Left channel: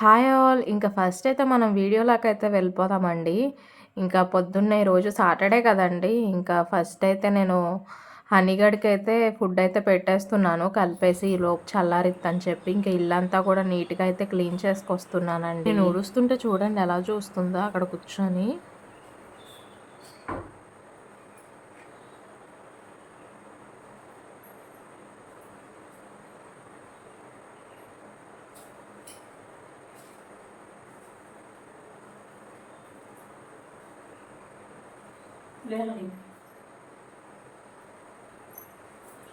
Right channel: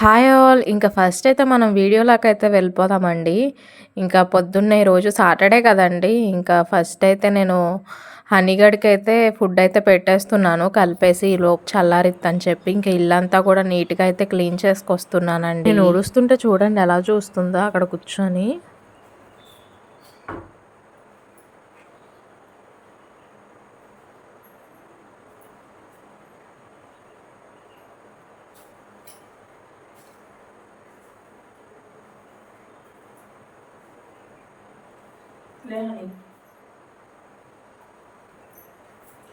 Hi all. ఇంకా first అయితే మనం వీడియోలోకి అయితే వెళ్ళిపోదామండి. ఇంకా పొద్దున్నే రోజు సాటర్డే కదండి. ఇంకా ఫస్ట్ అయితే నేను హనీగడ్కి అయితే ఫుడ్ అయితే పెట్టేస్తున్నాను. కలిపేసి లోపు చల్లారిద్దని చెప్పి ఇంకా ఇల్లంతా కూడా నీట్గా అయితే క్లీన్ చేసుకొస్తున్నానండి. నేను ఊడుస్తుంటే చూడండి ఎలా చూస్తుందో అక్కడ కూర్చొని. లే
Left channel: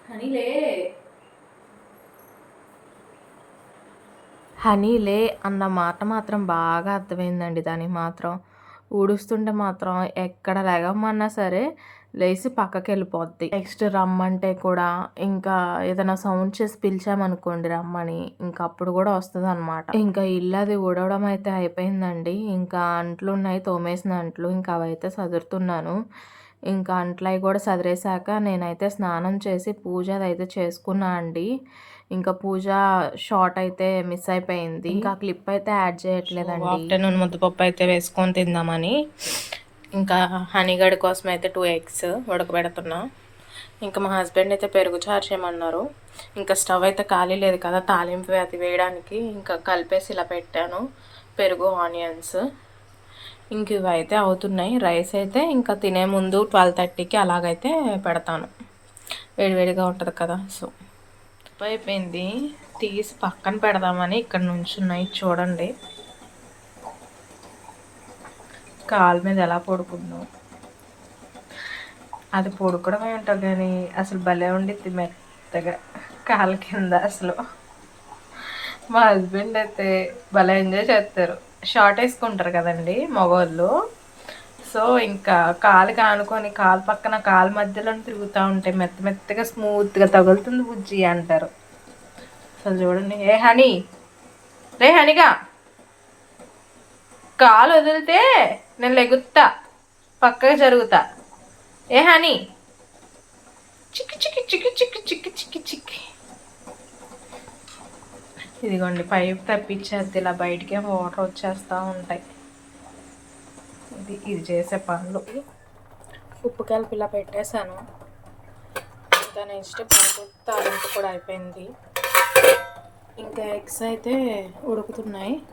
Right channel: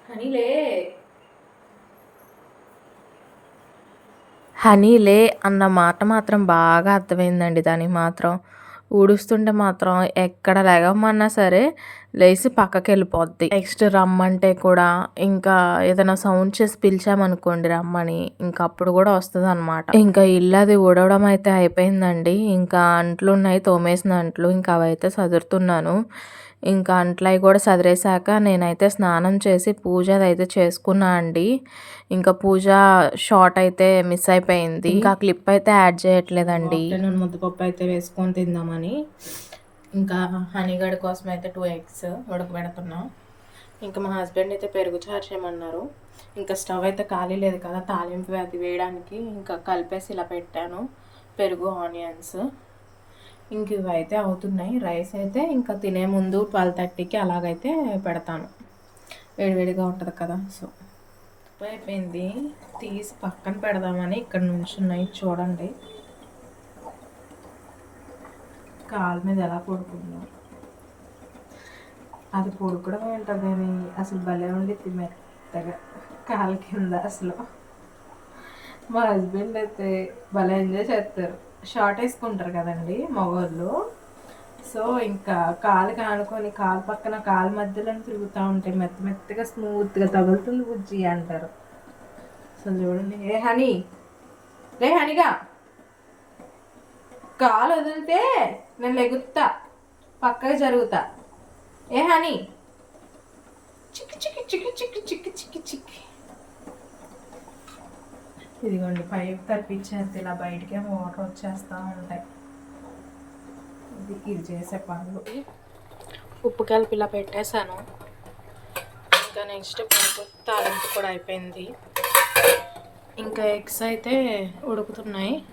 హనీ హనీ లే అన్న మాట మాత్రం బాగా అర్థమైందండి దానికి మాత్రం. ఊడుస్తుంటే మాత్రం ఎక్కడ లేగమన్నా సరే లేచి పక్కకి వెళ్ళిపోద్ది నెక్స్ట్ రమ్మంటే కూడా ఇంకా ఏదైనా సౌండ్ చేసి పిలిచామనుకోండి రమ్మని ఇంకా అప్పుడు కూడా వస్తుంది అనమాట ఇంకా ఇల్లు అది ఊడవడం అయితే అయిపోయిందండి. ఇంకా అంట్లు ఉన్నాయి తోమేసిన అంట్లు ఇంకా అవైతే సదురుతున్నాను. ఇంకా అంట్లయి కూడా సదిరేశాక నేనైతే స్నానం చేసి పూజ అయితే చేసుకున్నా అండి. ఇంకా పూజ షార్ట్ అయితే మిస్ అయిపోయింది. ఇంకా క్లిప్ అయితే యాడ్ చేయట్లేదండి. ఆఫ్టర్నూన్ ముద్దపప్పు అయితే వేసుకొని తిందామని. ఇంకా హనీగడ్ కోసం అయితే టూ ఎగ్స్ ఉడకబెడుతున్నా. ఇంకా మా హస్బెండ్ అయితే పెరుగు చారు చేయమన్నారు. ఇంకా స్టవ్ అయితే ఖాళీ లేదు కదా తాలింపు అది వేయడానికి ఇంకా కలిపేసి ఇలా పెట్టాను. పెరుగు ఆనియన్స్ ఇంక ఇవి అయితే అవుతున్నాయి. రైస్ అయితే ఇంకా తినే ముందు ట్వెల్వ్ థర్టీకి అలాగైతే పెడతాను. వేడివేడిగా ఉంటుంది కదా సో. అయిపోయింది. తీసి పక్కన పెడదామని ఇక్కడ నుంచి ఉన్నాయి చూడండి. కాలు మీద ఎలా పడుకుందాం? అది పడుకోవడమే ఉంటావు కానీ అసలు భలే ఉండిద్ది మెత్తగా కాలు కింద అసలు. మా హస్బెండ్ అయితే భలే ఎంజాయ్ చేస్తారు. షార్ట్ వేసుకుంటారు కదండి మగవాళ్ళు. సో ఇంకా కాలు కానుకొని కాలు పక్కన కాలు మధ్యలో తిరుగుతూ ఉంటే మెత్త మెత్తగా స్మూత్గా తగులుతుంది బుజ్జి అంటారు. అసలు చూడండి. ఏ హనీ? రే హనీగా! కాలు వదిలితే నేను లెగుతా పక్కకి జరుగుతా. ఏ హనీ? చిక్కి చిక్కి చిక్కి చిక్కి చిక్కి చిక్కి చిక్కి. ఇదిగోండి పైప్ తప్పించేది ఇలా బయటికే వాటర్ వచ్చేస్తూ ఉంటాయి. ఇది ఇది చేసే పనులు. ఉప్పు కలిపి ఇలా పెట్టేశాను. ఇంకా నెక్స్ట్ పరుపు తాలింపు కూడా అయిపోయింది. ఇంకా ఎగ్స్ అయితే ఉడుకుతున్నాయి.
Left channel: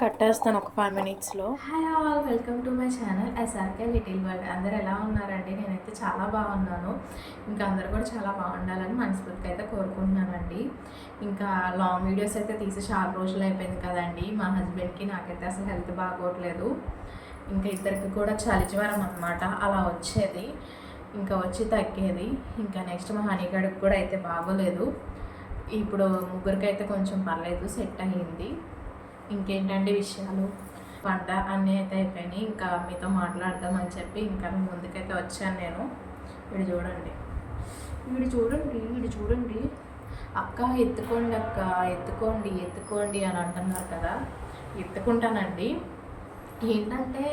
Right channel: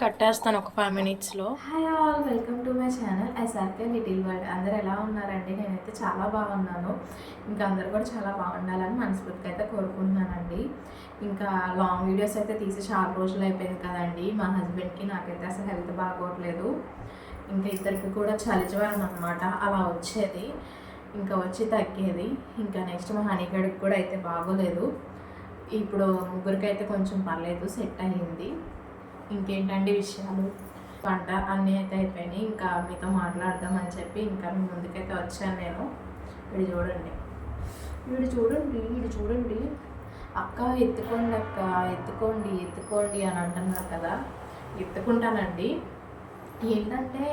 కట్టేస్తాను ఒక ఫైవ్ మినిట్స్లో hi all welcome to my channel SRK little world అందరు ఎలా ఉన్నారండి? నేనైతే చాలా బాగున్నాను. ఇంకా అందరు కూడా చాలా బాగుండాలని మనస్ఫూర్తిగా అయితే కోరుకుంటున్నానండి. ఇంకా లాంగ్ వీడియోస్ అయితే తీసి చాలా రోజులు అయిపోయింది కదండి. మా హస్బెండ్కి నాకైతే అసలు హెల్త్ బాగోట్లేదు. ఇంకా ఇద్దరికి కూడా చలి జ్వరం అనమాట అలా వచ్చేది. ఇంకా వచ్చి తగ్గేది. ఇంకా నెక్స్ట్ మా హనీగడికి కూడా అయితే బాగోలేదు. ఇప్పుడు ముగ్గురికి అయితే కొంచెం పర్లేదు సెట్ అయ్యింది. ఇంకేంటండి విషయాలు? వంట అన్నీ అయితే అయిపోయినాయి. ఇంకా మీతో మాట్లాడదామని చెప్పి ఇంకా ముందుకైతే వచ్చాను నేను. వీడు చూడండి. వీడు చూడండి వీడు చూడండి. అక్క ఎత్తుకోండి అక్క ఎత్తుకోండి ఎత్తుకోండి అని అంటున్నారు కదా. ఎత్తుకుంటానండి. ఏంటంటే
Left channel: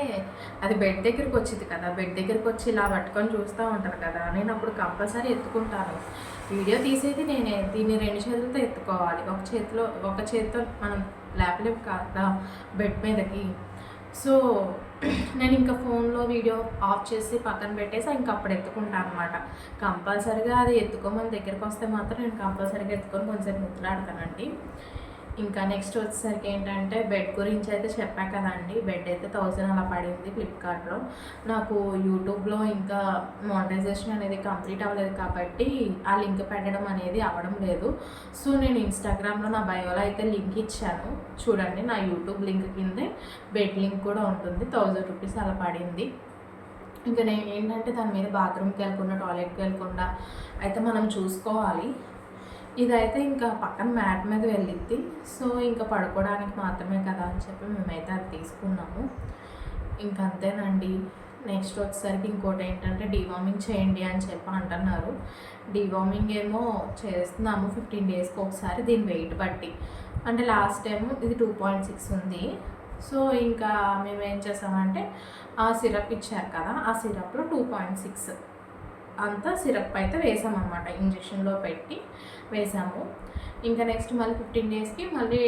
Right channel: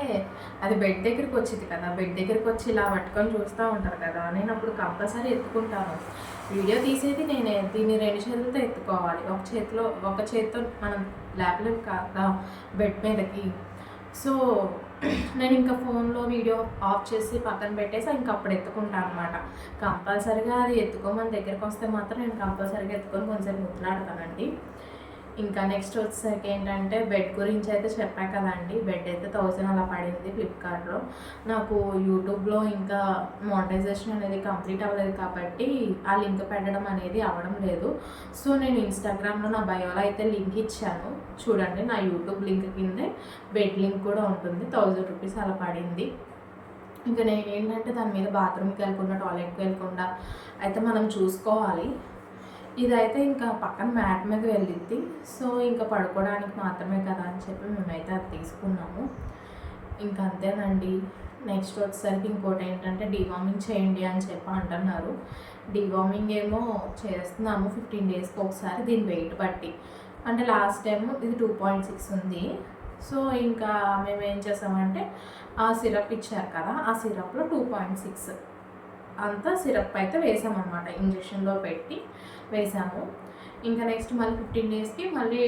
అది బెడ్ దగ్గరికి వచ్చింది కదా బెడ్ దగ్గరికి వచ్చి ఇలా పట్టుకొని చూస్తూ ఉంటారు కదా నేను అప్పుడు కంపల్సరీ ఎత్తుకుంటాను. వీడియో తీసేది నేనే దీన్ని రెండు చేతులతో ఎత్తుకోవాలి. ఒక చేతిలో ఒక చేతితో మనం లేపలేం కదా బెడ్ మీదకి. సో నేను ఇంకా ఫోన్లో వీడియో ఆఫ్ చేసి పక్కన పెట్టేసి ఇంకా అప్పుడు ఎత్తుకుంటాను అనమాట కంపల్సరీగా అది ఎత్తుకోమని దగ్గరికి వస్తే మాత్రం నేను కంపల్సరీగా ఎత్తుకొని కొంచెం ముద్దులాడతానండి. ఇంకా నెక్స్ట్ వచ్చేసరికి ఏంటంటే బెడ్ గురించి అయితే చెప్పా కదండి. బెడ్ అయితే థౌజండ్ అలా పడింది ఫ్లిప్కార్ట్లో నాకు యూట్యూబ్లో ఇంకా మోనటైజేషన్ అనేది కంప్లీట్ అవ్వలేదు కాబట్టి ఆ లింక్ పెట్టడం అనేది అవ్వడం లేదు. సో నేను ఇన్స్టాగ్రామ్లో నా బయోలో అయితే లింక్ ఇచ్చాను. చూడండి నా యూట్యూబ్ లింక్ కిందే బెడ్ లింక్ కూడా ఉంటుంది. థౌజండ్ రూపీస్ అలా పడింది. ఇంకా నేను ఏంటంటే దాని మీద బాత్రూమ్కి వెళ్ళకుండా టాయిలెట్కి వెళ్ళకుండా అయితే మనం చూసుకోవాలి. ఇదైతే ఇంకా పక్కన మ్యాట్ మీద వెళ్ళిద్ది. సో ఇంకా పడుకోవడానికి మాత్రమే కదా అని చెప్పి మేమైతే అది తీసుకున్నాము. ఇంకా అంతేనండి. నెక్స్ట్ వచ్చేసరికి ఇంకోటి ఏంటంటే డివామింగ్ చేయండి అని చెప్పి అంటున్నారు. డివామింగ్ ఏమో చేస్తున్నాము ఫిఫ్టీన్ డేస్కి ఒకసారి దీని వెయిట్ బట్టి. అంటే లాస్ట్ టైం ఇది టూ పాయింట్ సిక్స్ ఉంది. సో ఇంకా మేము ఏం చేసామంటే ఆ సిరప్ ఇచ్చారు కదా ఆ సిరప్లో టూ పాయింట్ సిక్స్. అంతా సిరప్ అయితే వేసామన్నమాట. ఇంజక్షన్లో పెట్టి వేసాము. ఇంకా నెక్స్ట్ మళ్ళీ ఫిఫ్టీన్ డేస్కి మళ్ళీ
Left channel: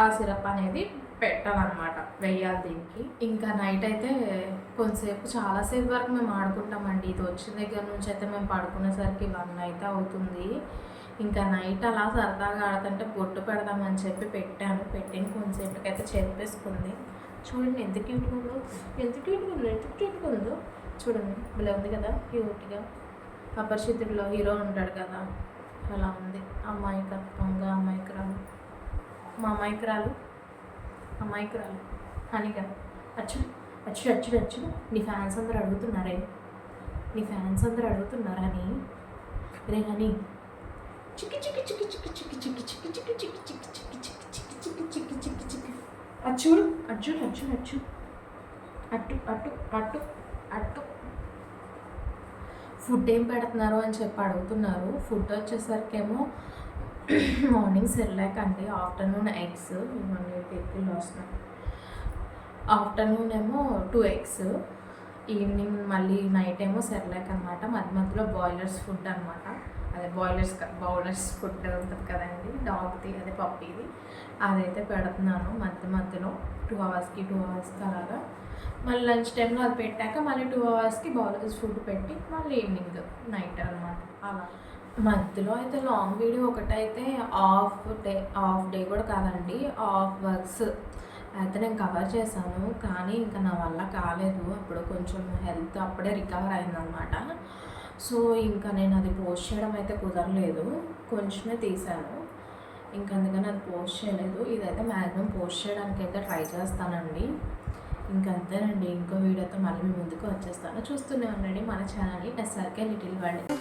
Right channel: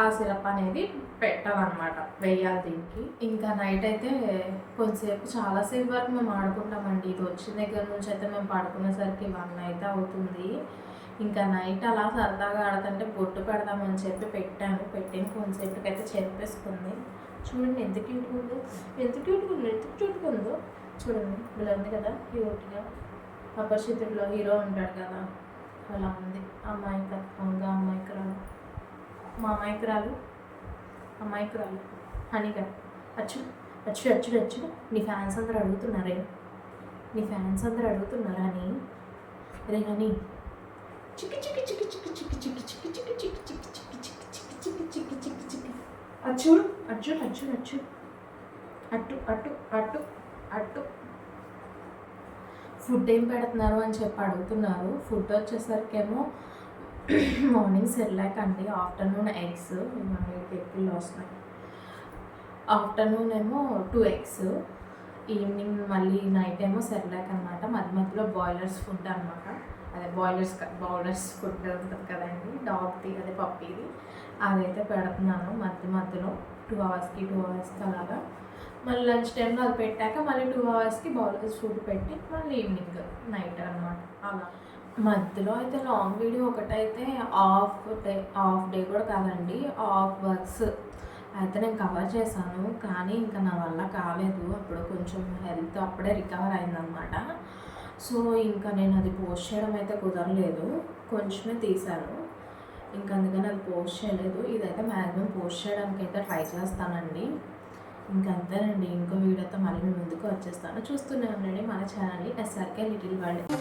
ఆ సిరప్ అనేది పెట్టాలన్నమాట. వేయాలి దీనికి. ఇంకా నైట్ అయితే కొంతసేపు చాలాసేపు వరకు మేము ఆడుకుంటామండి. ఇది వచ్చిన దగ్గర నుంచి అయితే మేము పడుకునేసరికి వన్ అయితే అవుతుంది. ఇంకా నైట్ అలా సరదాగా ఆడుతుంటే బొట్టు పెడదామని చెప్పి పెట్టాను. పెట్టిన కొంతసేపటికి అయితే చూడండి ఎంత క్యూట్గా ఉందో. ఎంత క్యూట్గా ఉందో. ఎంత క్యూట్గా ఉందో. చూడండి ఇలా ఉంది కదా క్యూట్గా. అపరిచితుడిలో హీరో ఉంటాడు కదా అలా ఉంది అమ్మాయికత్వంగా అమ్మాయికురాలు మా అమ్మాయికురాలు అమ్మాయికురాలు హనీగా అచ్చు అచ్చు అచ్చుడు అచ్చు నీ ఫ్యాన్స్ అందరు అడుగుతున్నారే నీ ఫ్యాన్స్ అందరు అడుగుతున్నారా అని రే హనీ చిక్కి చిక్కి చిక్కి చిక్కి చిక్కి చిక్కి చిక్కి చిక్కి చిక్కి చిక్కి చిక్కి చిక్కి చిక్కి చిక్కి చిక్కి చిక్కి చిక్కి అచ్చుడు అచ్చుడు అచ్చు అచ్చు అట్టు అట్టు అట్టు అట్టు ఫుడ్ ఏం పెడుతున్నారు అని చెప్పి అడుగుతున్నారు. ఫుడ్ వచ్చేసరికేమో మార్నింగ్ సెర్లాక్ అండి ఆఫ్టర్నూన్ ఎగ్స్ ఇవన్నీ ఎగ్లు వస్తున్నాయి ఆఫ్టర్నూన్ ఏమో టూ ఎగ్స్ ఈవినింగ్ మళ్ళీ నైట్ ఏమో సెర్లాక్ అనమాట మధ్య మధ్యలో బాయిలర్స్ ఫుడ్ అనమాట అదే బాయిలర్స్ బౌలర్స్ ఫుడ్ ఉంటుంది కదండి డాగ్ది అదే పప్పీది అదైతే పెడుతున్నాను మధ్య మధ్యలో టూ అవర్స్కి టూ అవర్స్కి అలాగా. మళ్ళీ లంచ్ టైంలో అది పెట్టాక మళ్ళీ టూ అవర్స్కి బౌలర్స్ ఫుడ్ పెట్టి మళ్ళీ ఈవినింగ్ నైట్ అనమాట అలా. మధ్యలో అయితే లాంగ్ వీడియో ఒకటైతే ఆఫ్ డే ఆఫ్ డే కూడా కాదండి ఆఫ్ వర్క్స్ అయితే నేను కవర్ చేశాను కానీ ఇంకా నా వల్ల కాలేదు. అప్పుడు కొంచెం హెల్త్ అప్పుడే రికవర్ అయిందనమాట సో ఇంకా నేను అది పోస్ట్ చేయడం అయితే కుదరలేదు. కొంచెమే తీశాను. ఇంకా అందుకని అది పోస్ట్ చేయలేదు. ఇదైతే మ్యాక్సిమం పోస్ట్ చేయడానికి అయితే ట్రై చేస్తానండి. ఇంకంతేనండి. ఇంకో వీడియోతో మళ్ళీ మీ ముందుకు వచ్చేస్తాను. చూస్తూనే ఉండండి. మన ఛానల్ని ఎస్ఆర్కే లిటిల్ వరల్డ్.